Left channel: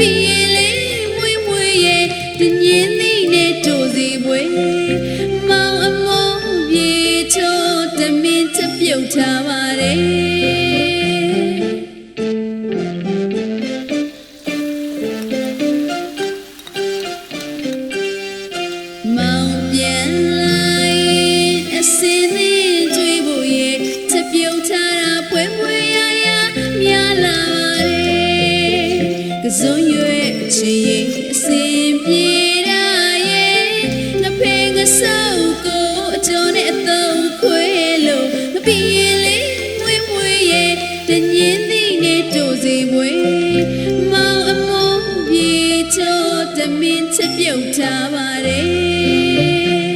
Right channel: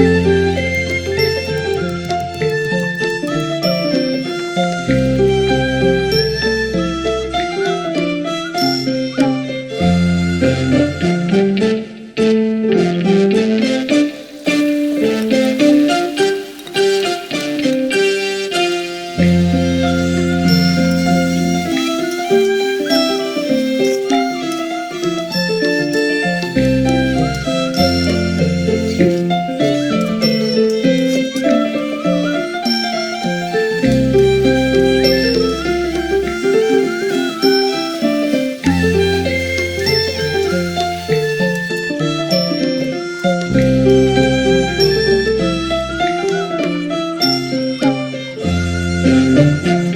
မီလေးဝေးပွေရဲ့ပြင်း ချက်ပြုတ်ထားပါတယ်